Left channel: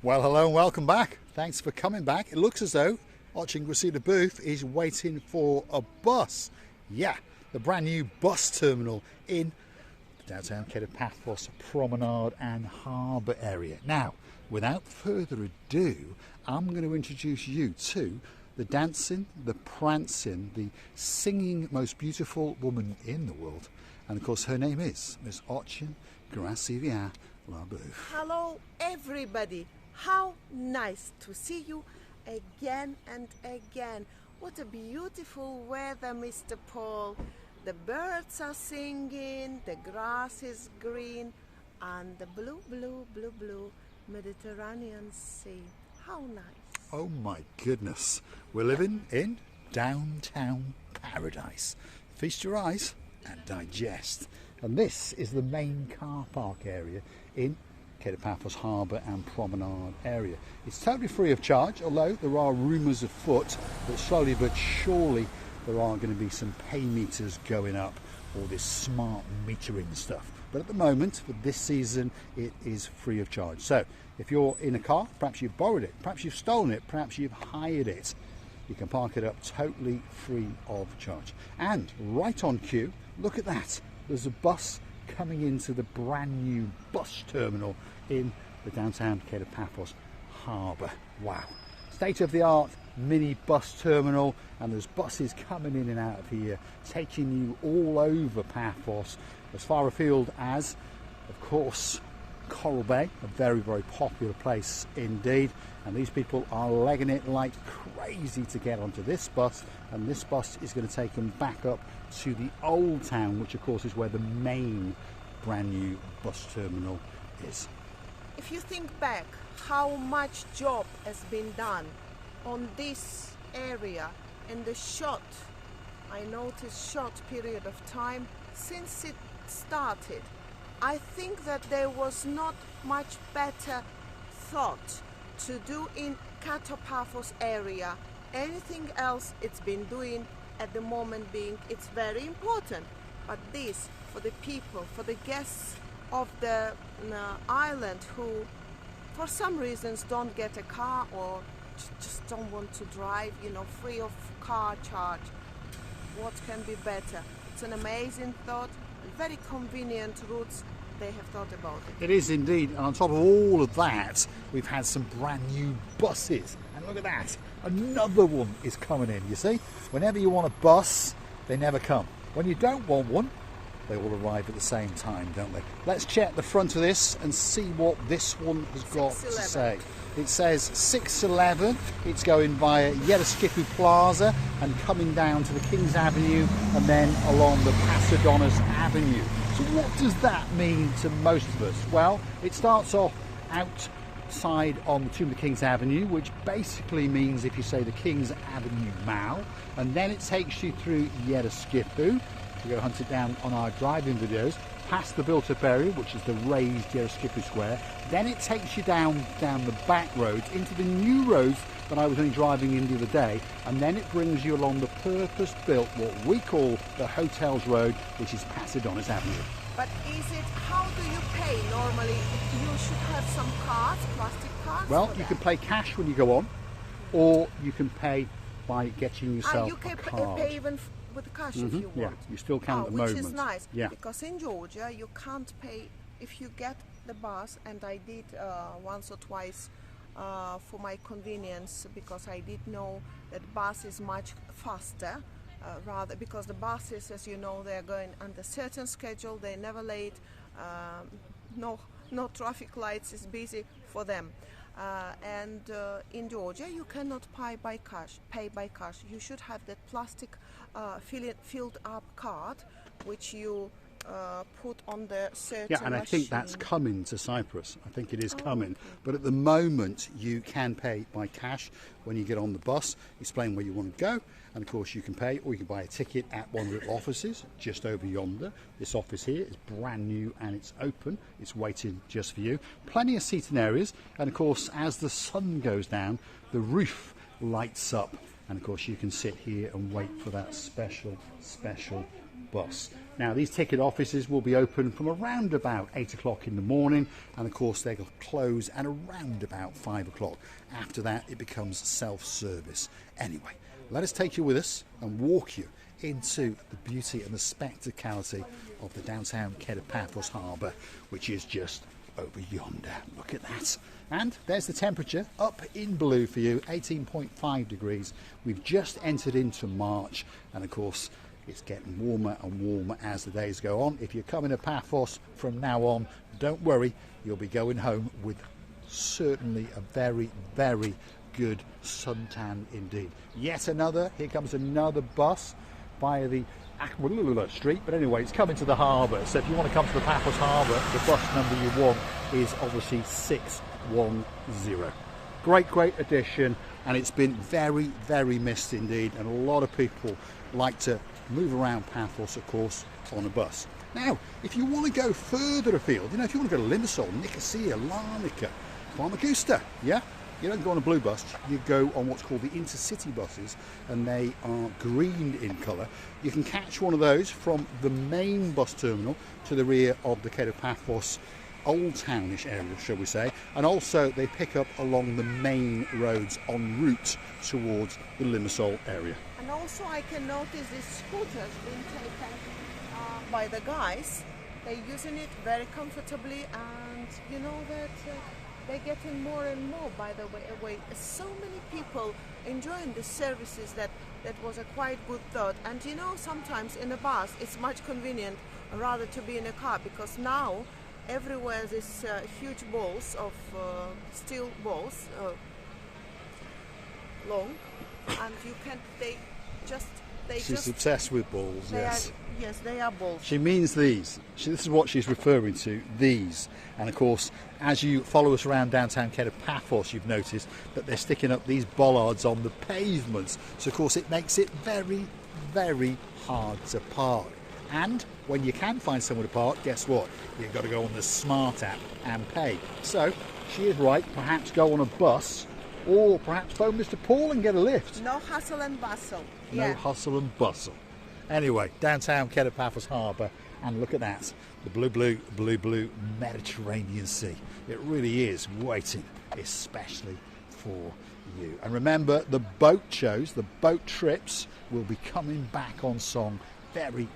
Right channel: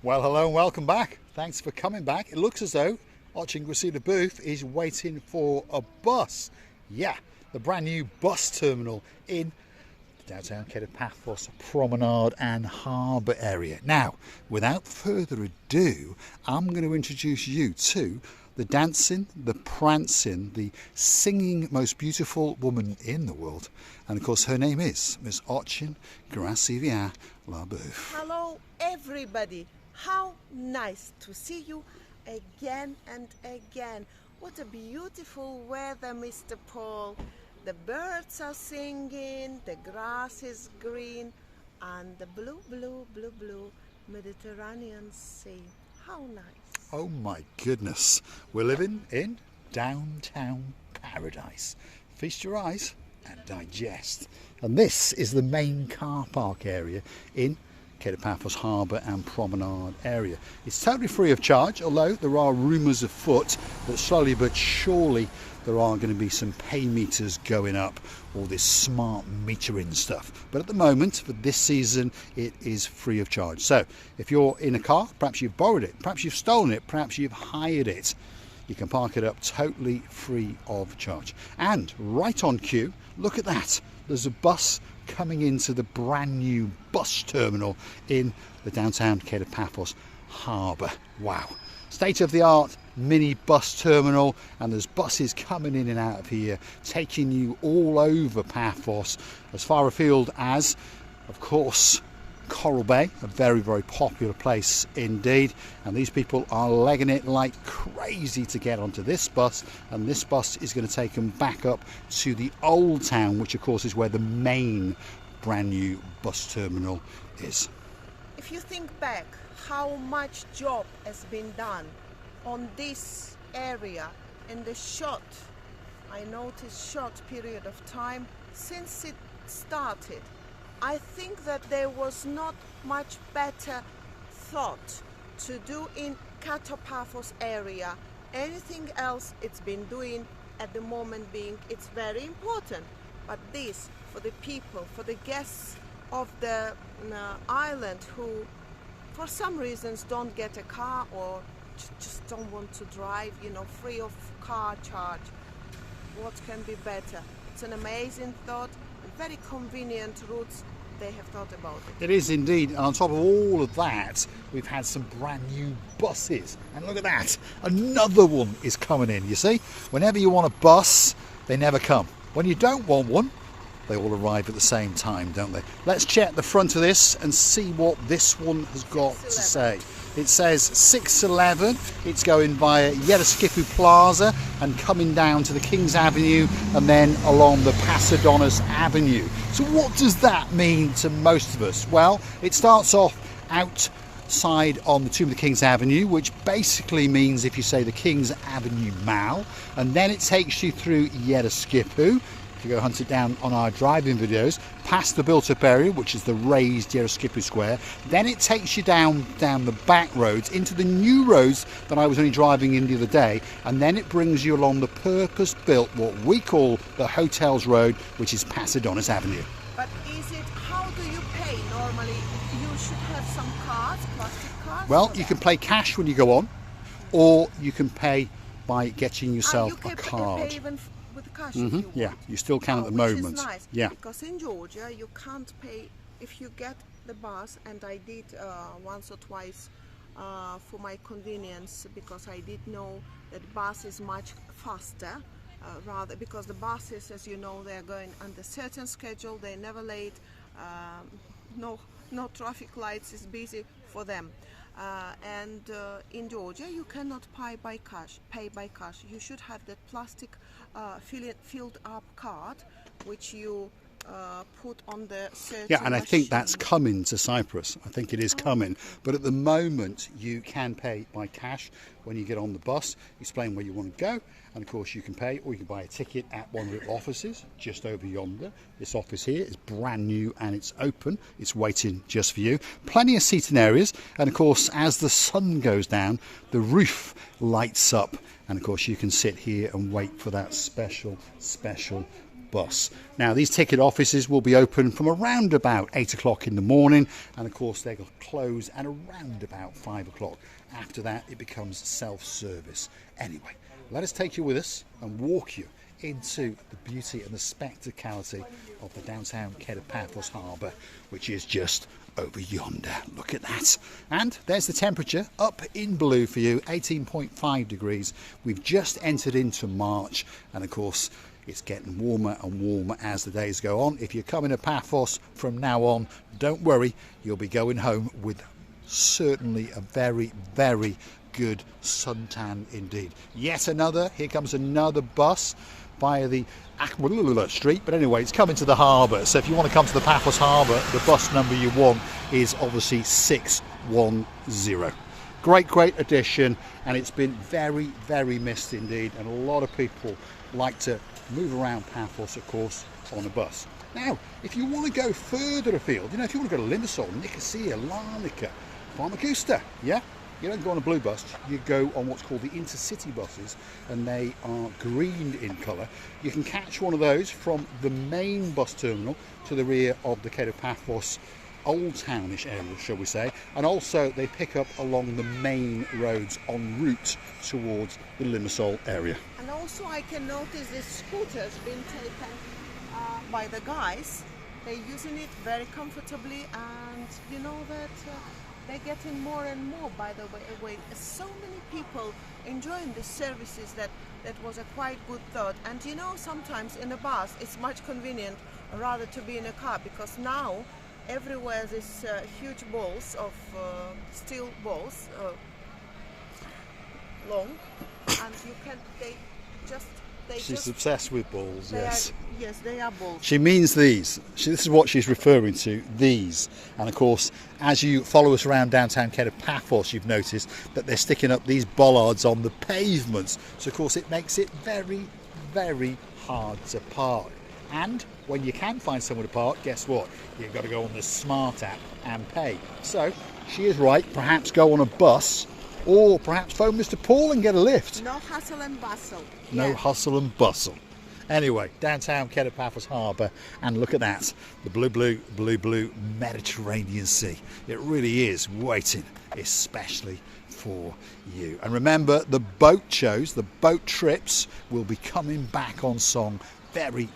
Well, hello and welcome back. Thanks for coming back. It looks as though Ochin Gracida Booth is waiting for a bus. Yeah, the brand new bus terminal in the downtown Cape of Paphos Promenade and Harbour area. Now, without further ado, I'm going to introduce you to the dancing, the prancing, the singing most beautiful woman in the world. And of course, her name is Miss Ochin Gracida Booth. Hello, everybody. How nice to see you again and again. What a beautiful weather, Mr. Paul. The birds are singing, the grass is green, and the blue, blue, blue, blue Mediterranean Sea. How nice. Oh my goodness. We're living in downtown paradise. Feast your eyes and digest. And this is the main car park area in Paphos Harbour and Promenade area. It's totally free of charge, although there are rumours afoot that slowly but surely there are going to be some pay meters going up, all this smart metering stuff. But at the moment, for this season, it is free of charge. So if you're in a car, perhaps you've borrowed it, perhaps you've stolen it, perhaps you've hired it, you can park it up totally free of charge. And right on cue, look at that. There's a bus coming into the brand new bus terminal in the downtown Cape of Paphos Harbour. Wow. State-of-the-art mini bus terminal, and there's buses coming in and out of here, taking you all over Paphos, as far afield as, of course, Coral Bay, a very, very popular place indeed. And these people are legging it like crazy to get onto this bus, and this bus is going to take them back up to the old town, which of course is where the main brand new bus terminal is. If you think back how much job has been done on this area in the short period of time since it started, I think that there was not much better thought to do in Paphos area. Anything else it's been doing at the moment being, it's very important. But this, for the people, for the guests of the island who for some reasons don't get a car or just don't want to drive, free of car charge, what can be better? It's an amazing thought. Very convenient routes they have thought about it. It is indeed. And on top of all of that, we've had some brand new buses. And look at that, another one is coming in. You see, whenever you want a bus, they never come. When you don't want one, they all arrive at the same time, don't they? Let's check the front of this and see what this one has got to say. It says 611. It's going via Gela Plaza and coming down to the King's Avenue and then along the Pasadonus Avenue. So what does that mean to most of us? Well, it starts off outside on the Tomb of the King's Avenue, which basically means if you say the King's Avenue Mall, and then it takes you through Gela. If you go hunt it down on our driving videos, past the built-up area, which is the raised Gela Square, then it takes you down the back roads into the new roads that I was only driving in the other day, and then it brings you along the purpose-built, what we call the Hotels Road, which is Pasadonus Avenue. But how do you pay normally? You should have some cards, plastic cards. Well, you can pay cash when you go on, or you can pay by getting yourself you can a card. Pay even with the cash if you want. Yeah, you still can at the moment. Which is nice. Yeah. Because in Georgia you can't pay if you get the bus, and I did once or twice for my convenience, because I did know that bus is much faster. Rather, because the buses, as you know, they're going under certain schedule, they're never late, no traffic lights, is busy for them. And in Georgia you cannot pay by cash. You should have that plastic filled up card which you put on the certain Yeah, and I think that's coming to Cyprus. I think it is coming. Okay. But at the moment, you can pay by cash when you get on the bus, explain where you want to go, and of course you can pay, or you can buy a ticket at one of the offices just over yonder. This office here is brand new and it's open. It's waiting just for you. Plenty of seating areas, and of course, as the sun goes down, the roof lights up And of course you can sit here and wait for that special bus. Now these ticket offices will be open from around about 8 o'clock in the morning, and of course they will close at around about 5 o'clock. After that it becomes self-service. Anyway, let us take you with us and walk you into the beauty and the spectacality of the downtown Paphos Harbour, which is just over yonder. Look at that. And there's the temperature up in blue for you, 18.5 degrees. We've just entered into March, and of course it's getting warmer and warmer as the days go on. If you're coming to Paphos from now on, don't worry, you'll be going home with certainly a very good suntan indeed. Yet another, here comes another bus via the street, but anyway, it's coming to the harbour. So if you want to come to the Paphos Harbour, the bus number you want is obviously 610. Great addition, and it's been very missed indeed, and a lot of people like to move around Paphos, of course, on a bus. Now, if you want to go further afield, you know, if you want to go to Limassol, Nicosia, Larnaca, Famagusta, yeah, you don't go on a blue bus, you go on what's called the intercity buses, and they are green in colour. You can catch one of those from the main bus terminal to the rear of the Paphos Old Townish area, shall we say, and also they pick up along the main roads en route towards the Limassol area. And also I can notice this scooter's been taken by the guys. They're using it very comfortably, and you know that they're getting more and more, by the way. So many people enjoying these services that was a quite good thought. And you know, sometimes in a bus it's much convenient rather to be in a car, because now everywhere there's huge balls of steel balls, long, and you can, She's obsessed with balls, yes. Yes, they are balls. She means these. This is what she's referring to, these. And of course, as you follow us around downtown Paphos, you've noticed that they're sticking up these bollards on the pavements. So of course it makes it very hard to park. And when you can find somewhere to park, guess what? You've got to go on the Smart app and pay. So she is right, perhaps go on a bus, or perhaps phone Mr. Paul and get a lift. No hustle and bustle. No hustle and bustle. Anyway, downtown Paphos Harbour, and look at that, the blue Mediterranean Sea. It really is waiting, especially for you. And remember, the boat shows, the boat trips will be coming back on song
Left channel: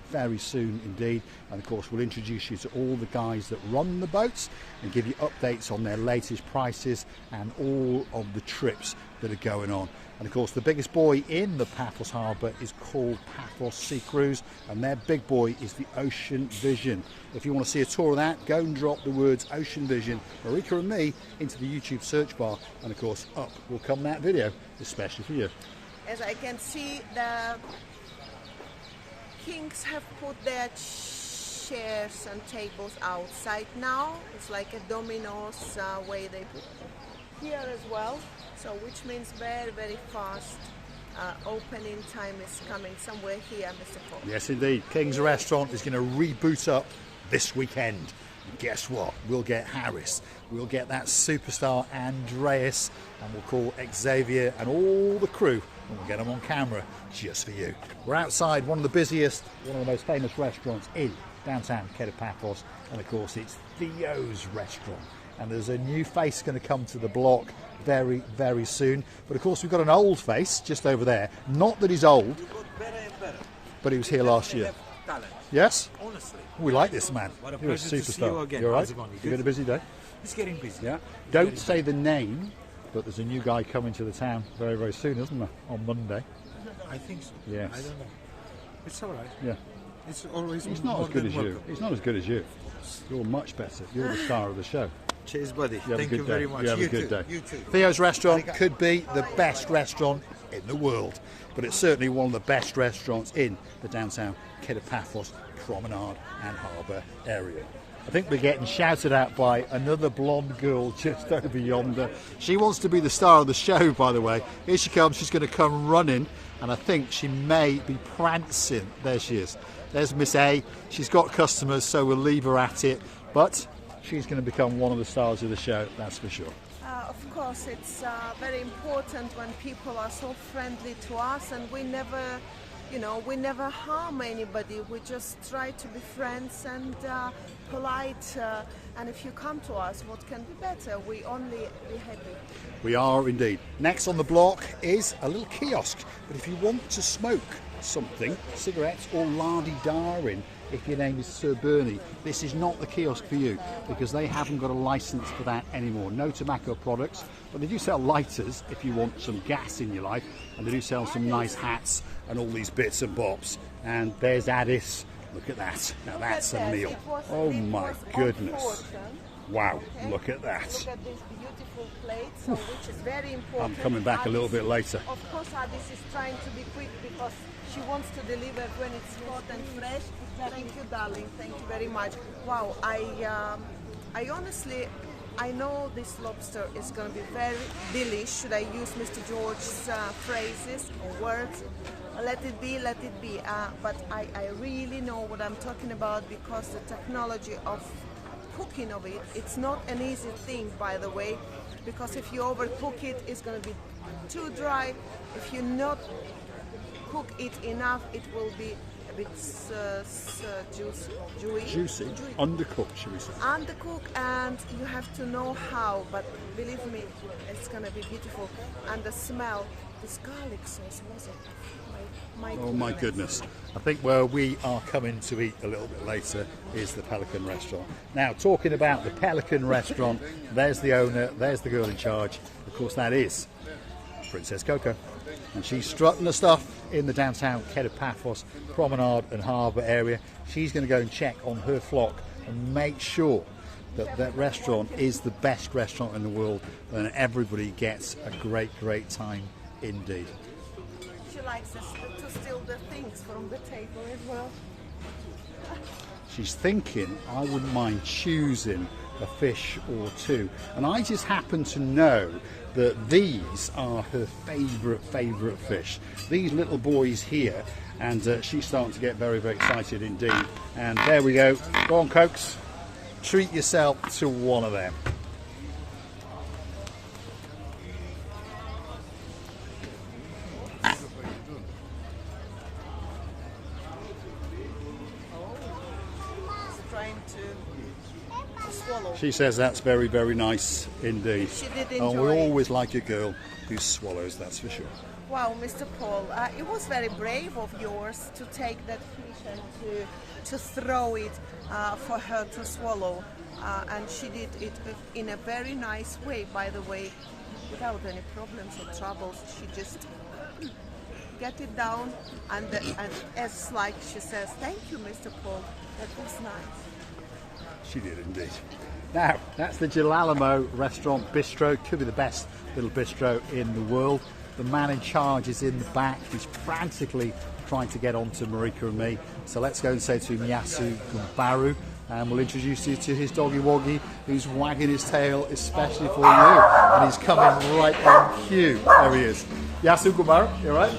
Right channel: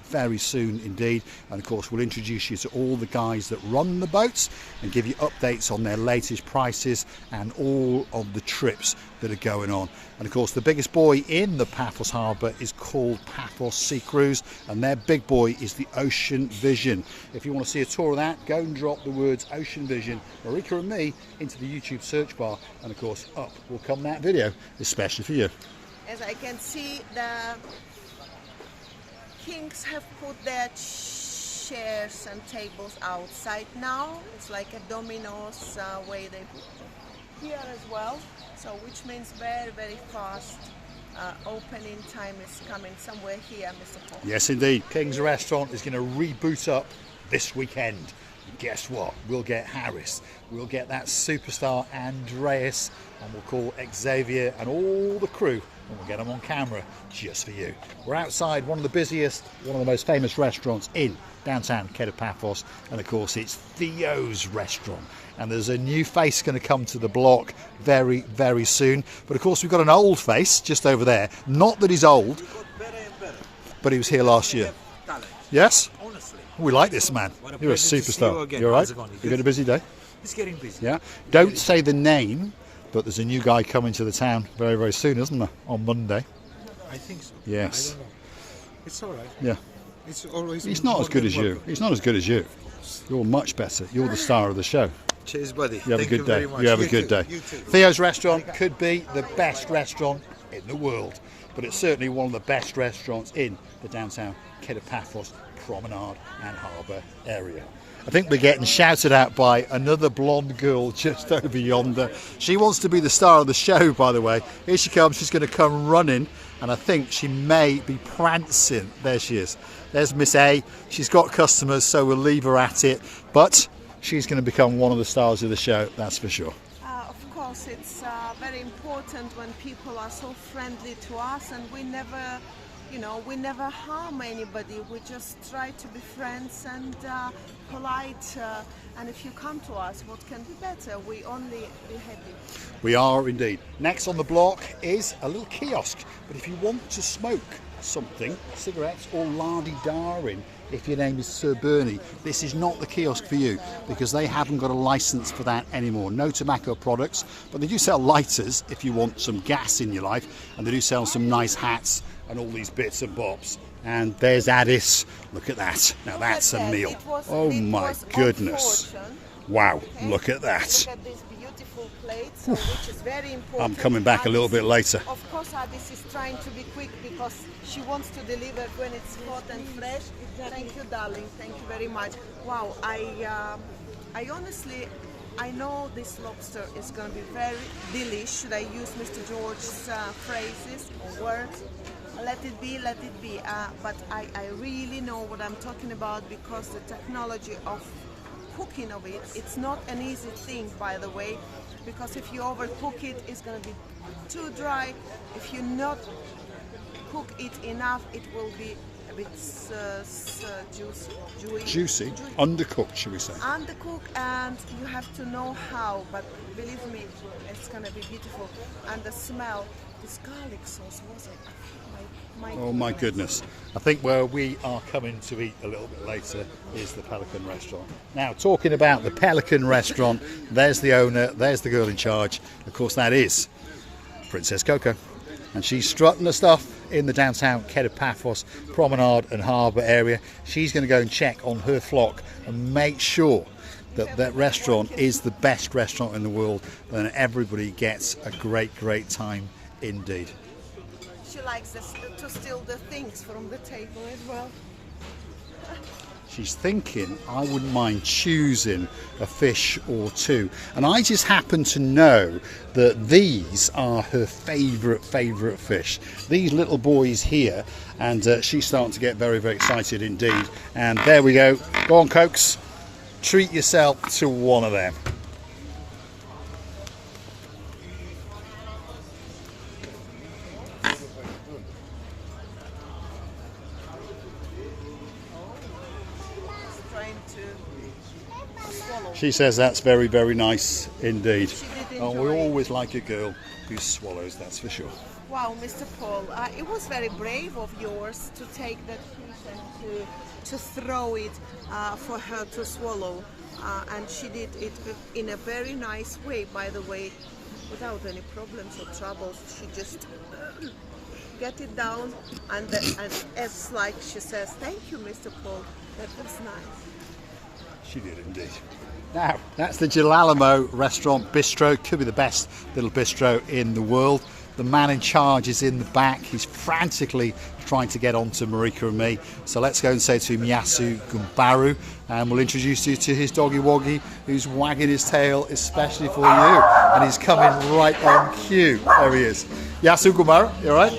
very soon indeed, and of course we'll introduce you to all the guys that run the boats and give you updates on their latest prices and all of the trips that are going on. And of course the biggest boy in the Paphos Harbour is called Paphos Cyprus, and their big boy is the Ocean Vision. If you want to see a tour of that, go and drop the words Ocean Vision, Marika and me, into the YouTube search bar, and of course up will come that video, especially for you. As I can see, the Kings have put their chairs and tables outside now. It's like a Domino's way they put them here as well. So which means very fast opening time is coming somewhere here, Mr. Paul. Yes indeed, King's Restaurant is going to reboot up this weekend. And guess what? We'll get Harris, we'll get that superstar Andreas, and we'll call Xavier and all the crew, and we'll get them on camera just for you. We're outside one of the busiest, one of the most famous restaurants in downtown Paphos, and of course it's Theos Restaurant. And there's a new face going to come to the block very soon. But of course we've got an old face just over there. Not that he's old, you got better and better. But he was here last year. Yes? Honestly. We like this man. You're a superstar. You're right? You've got a busy day? It's getting busy. Yeah. Don't say the name, but there's a new guy coming to the town very soon, isn't there? On Monday. I think so. Yes. I don't know. It's all right. Yeah. It's always. He's not as good as you. He's not as good as you. You're much better. You're the star of the show. Cheers, buddy. You have a good day. You have a good day. You too. Theos Restaurant could be the best restaurant in the world, but it's certainly one of the best restaurants in the downtown Paphos Promenade and Harbour area. I think we're getting shouted at by another blonde girl just over yonder. She wants to be the star of the show, by the way. Here she comes. She's going to come running, and I think she may be prancing. There she is. There's Miss A. She's got customers, so we'll leave her at it. But she's going to become one of the stars of the show, that's for sure. of course, it's very important when people are so friendly to us, and we never, we never harm anybody. We just try to be friends and polite. And if you come to us, what can be better? We only be happy. We are indeed. Next on the block is a little kiosk. But if you want to smoke something, cigarettes or lardy-darin, if your name is Sir Bernie, this is not the kiosk for you, because they haven't got a license for that anymore. No tobacco products, but they do sell lighters if you want some gas in your life, and they do sell some nice hats and all these bits and bobs. And there's Addis. Look at that. Now that's a meal. Oh my goodness. Wow, look at that. Look at these beautiful plates, which is very important. I'm coming back a little bit later. Of course, Addis is trying to be quick because she wants to deliver when it's hot and fresh. Exactly. Thank you, darling. Thank you very much. Wow, I honestly, I know this lobster is going to be very delish. Should I use Mr. George's phrases or words? Let it be, let it be. But I really know what I'm talking about, because the technology of cooking of it, it's not an easy thing, by the way, because if you overcook it, it's going to be too dry. If you not cook it enough, it will be a bit Juicy, undercooked, should we say? Undercooked, and you have to know how. But believe me, it's gonna be beautiful. And the smell, this garlic sauce, was it? Oh my goodness. I think where we are coming to eat a little bit later is the Pelican Restaurant. Now, talking about the Pelican Restaurant, there's the owner, there's the girl in charge. Of course, that is Princess Coco. And she's strutting the stuff in the downtown Paphos Promenade and Harbour area. She's going to go and check on her flock and make sure that that restaurant is the best restaurant in the world, and everybody gets a great time indeed. She likes us to steal the things from the table as well. She's thinking, I wouldn't mind choosing a fish or two. And I just happen to know that these are her favourite fish. These little boys here, and she's starting to get very excited indeed. And there we go. Go on, Cokes. Treat yourself to one of them. She says that's very nice indeed. And we always like a girl who swallows, that's for sure. Wow, Mr. Paul, it was very brave of yours to take that fish and to throw it for her to swallow. And she did it in a very nice way, by the way, without any problems or troubles. She just get it down, and as like she says, thank you, Mr. Paul, that was nice. She did indeed. Now, that's the Gela Restaurant Bistro. Could be the best little bistro in the world. The man in charge is in the back. He's frantically trying to get on to Marika and me. So let's go and say to him, Yasu Gumbaru, and we'll introduce you to his doggy woggy, who's wagging his tail especially for you. And he's coming right on cue. There he is. Yasu Gumbaru, you all right?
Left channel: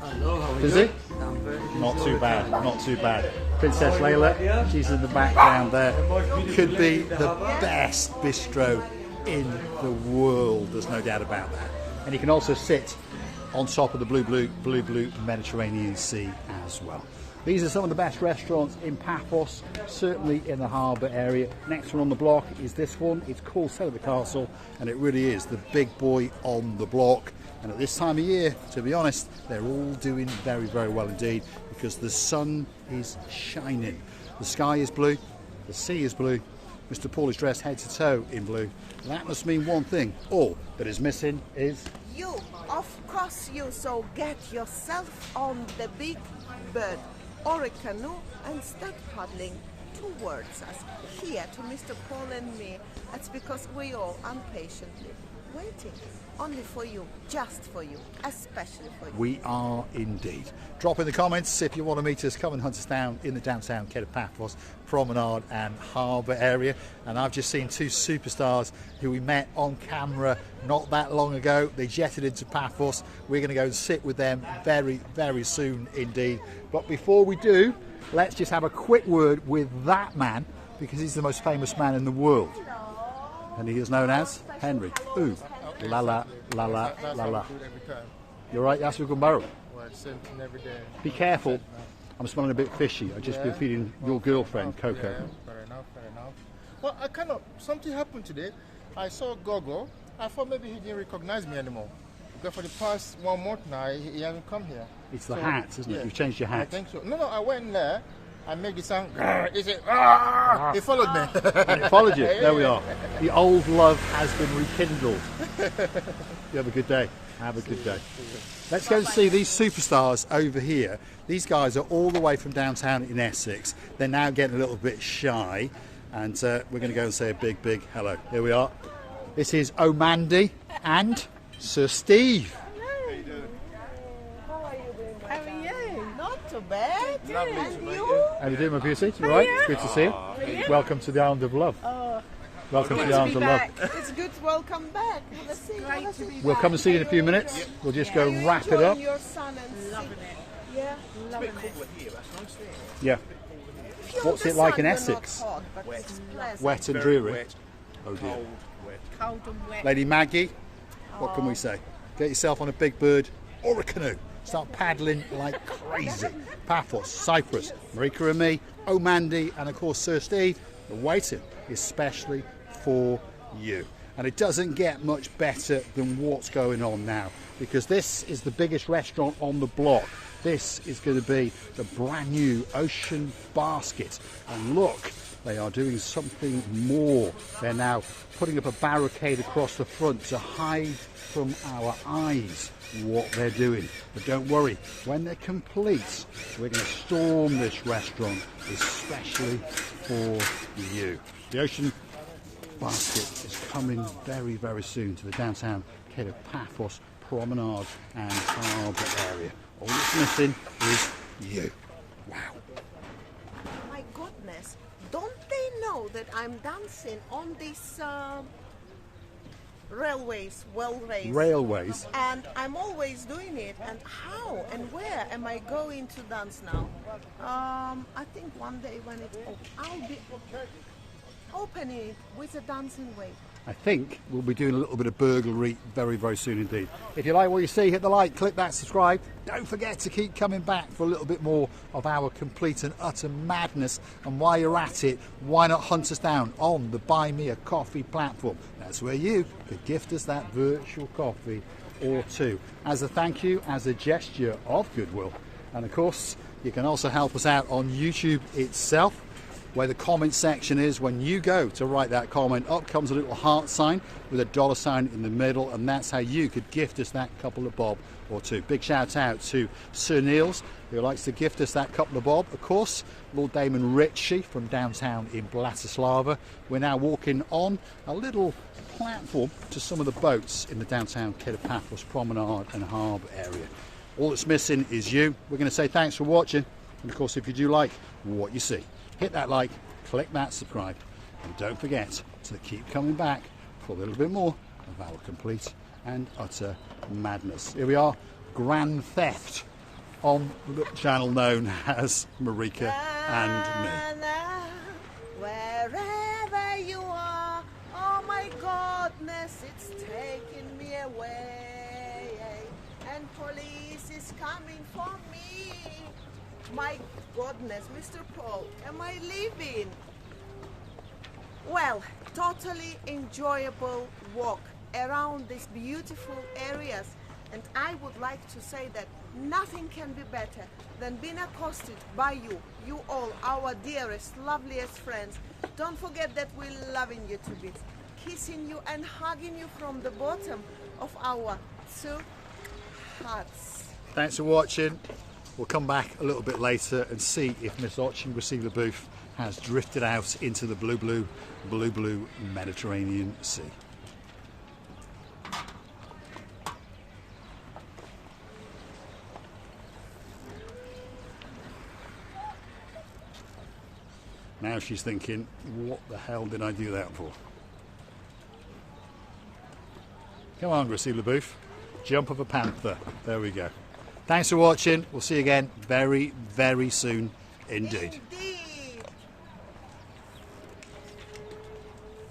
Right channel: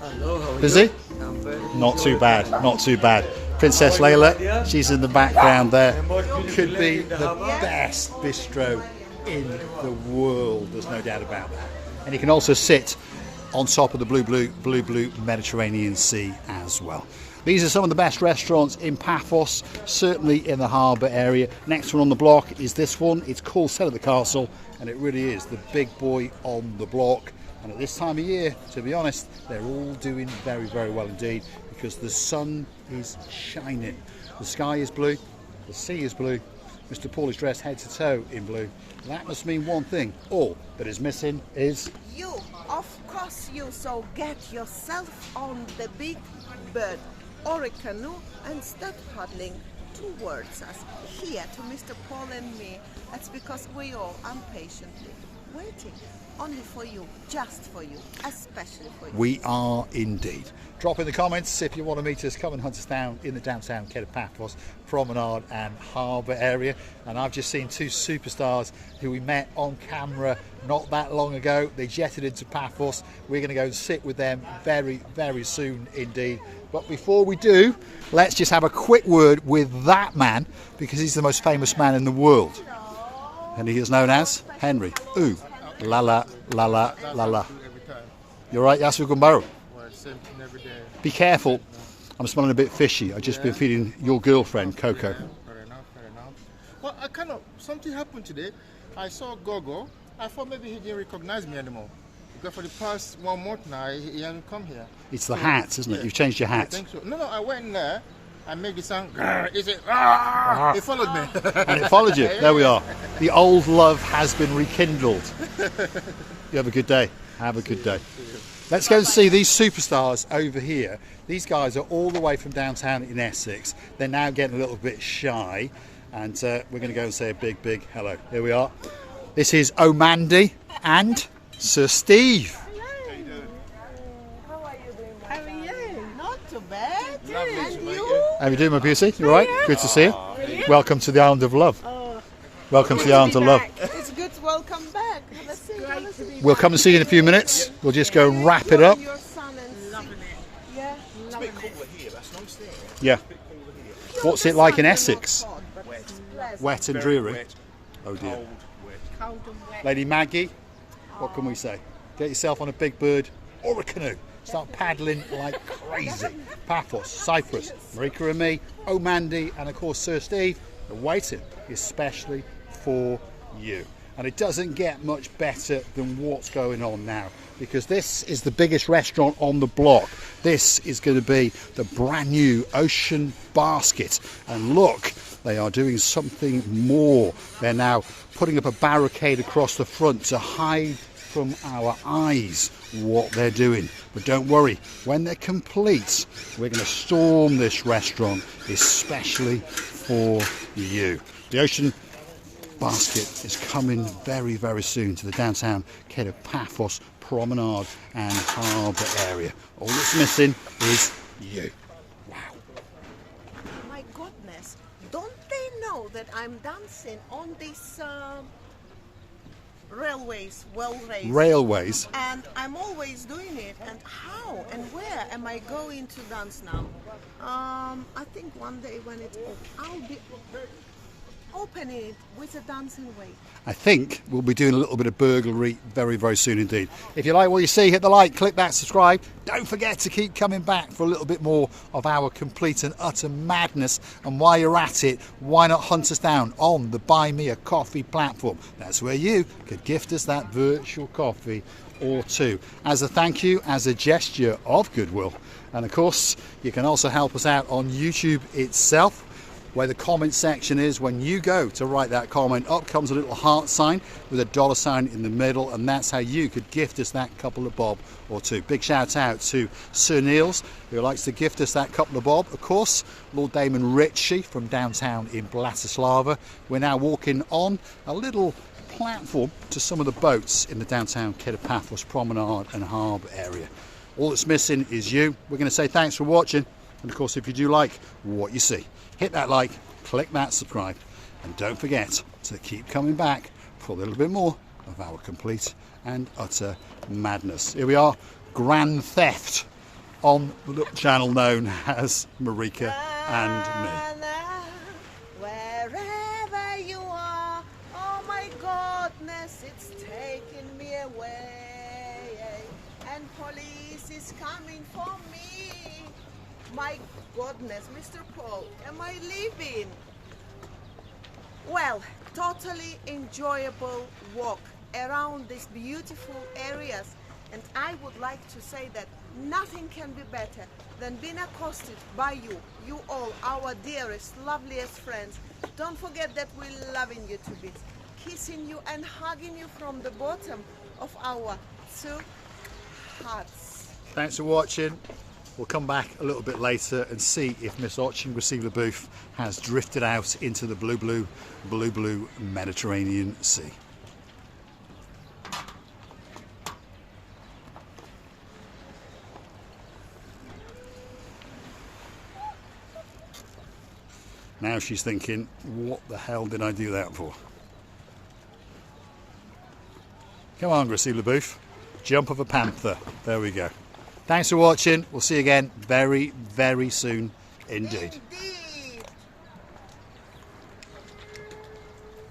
Hello, how are Busy? you? I'm very Not too bad, not too bad. Princess Layla, she's in the background there. Could be the best bistro in the world, there's no doubt about that. And you can also sit on top of the blue Mediterranean Sea as well. These are some of the best restaurants in Paphos, certainly in the harbour area. Next one on the block is this one. It's called Set at the Castle, and it really is the big boy on the block. And at this time of year, to be honest, they're all doing very well indeed, because the sun is shining. The sky is blue, the sea is blue. Mr. Paul is dressed head to toe in blue. That must mean one thing. All that is missing is you. Of course you. So get yourself on the big bird or a canoe and start paddling towards us, here to Mr. Paul and me. That's because we all impatiently waiting only for you, just for you, especially for you. We are indeed. Drop in the comments if you want to meet us. Come and hunt us down in the downtown Paphos Promenade and Harbour area. And I've just seen two superstars who we met on camera not that long ago. They jetted into Paphos. We're going to go and sit with them very soon indeed. But before we do, let's just have a quick word with that man, because he's the most famous man in the world. and he is known as Henry. Ooh, la la la la la la. You're right, Yasu Gumbaru. Well, same thing every day. Be careful. I'm smelling a bit fishy. I've just been feeding your girlfriend, Coco. Yeah, fair enough, fair enough. Well, something happened today. I saw Gogo. I thought maybe he didn't recognize me anymore. Because for the past 1 month now, he hasn't come here. It's the hat, isn't it? You've changed your I hat. think so. No, I went in there. I made the sound. He said, He followed me. And it followed you. There we are. The old love has been rekindled. You have a good day. Have a good day. Let's go and see these superstars over here. These guys are all the way from downtown in Essex. They're now getting a little bit shy. And we're going to go and say a big, big hello. Here we are. This is Omandi and Sir Steve. How are you doing? How are you? Not too bad. And you? How are you doing, my beauty? You all right? Good to see you. Welcome to the Island of Love. Welcome to the Island of Love. It's good. Welcome back. Have a seat. Have a seat. We'll come and see you in a few minutes. We'll just go and wrap it up. Your son and Loving it. yeah. Yeah. What's it like in Essex? Wet and dreary. Oh dear. Cold and wet. Lady Maggie, what can we say? Get yourself on a big bird or a canoe. Start paddling like crazy. Paphos, Cyprus, Marika and me, Omandi, and of course Sir Steve are waiting, especially for you. And it doesn't get much better than what's going on now, because this is the biggest restaurant on the block. This is going to be the brand new Ocean Basket. And look, they are doing something more. They're now putting up a barricade across the front to hide from our eyes what they're doing. But don't worry, when they're complete, we're going to storm this restaurant, especially for you. The Ocean Basket is coming very, very soon to the downtown Paphos Promenade and Harbour area. All it's missing is you. Wow. My goodness, don't they know that I'm dancing on these railways, Railways. and I'm always doing it? And how and where am I going to dance now? I think one day when it's I'll be opening it with a dancing way. I think we'll be doing a little bit of burglary very, very soon indeed. If you like what you see, hit the like, click that subscribe. Don't forget to keep coming back for a little bit more of our complete and utter madness. And while you're at it, why not hunt us down on the Buy Me a Coffee platform? That's where you could gift us that virtual coffee or two as a thank you, as a gesture of goodwill. And of course, you can also help us out on YouTube itself, where the comment section is. When you go to write that comment, up comes a little heart sign with a dollar sign in the middle, and that's how you could gift us that couple of bob or two. Big shout out to Sir Niels, who likes to gift us that couple of bob. Of course, Lord Damon Ritchie from downtown in Bratislava. We're now walking on a little platform to some of the boats in the downtown Paphos Promenade and Harbour area. All that's missing is you. We're going to say thanks for watching, and of course, if you do like what you see, hit that like, click that subscribe, and don't forget to keep coming back for a little bit more of our complete and utter madness. Here we are, Grand Theft, on the little channel known as Marika and me. Wherever you are, oh my goodness, it's taking me away, and police is coming for me. My goodness, Mr. Paul, am I leaving? Well, totally enjoyable walk around these beautiful areas, and I would like to say that nothing can be better than being accosted by you all, our dearest, loveliest friends. Don't forget that we're loving you to bits, kissing you and hugging you from the bottom of our two hearts. Thanks for watching. We'll come back a little bit later and see if Miss Oching Receiver Booth has drifted out into the blue Mediterranean Sea. Now she's thinking, what the hell did I do that for? Come on, Receiver Booth. Jump of a panther. There we go. Thanks for watching. We'll see you again very, very soon indeed.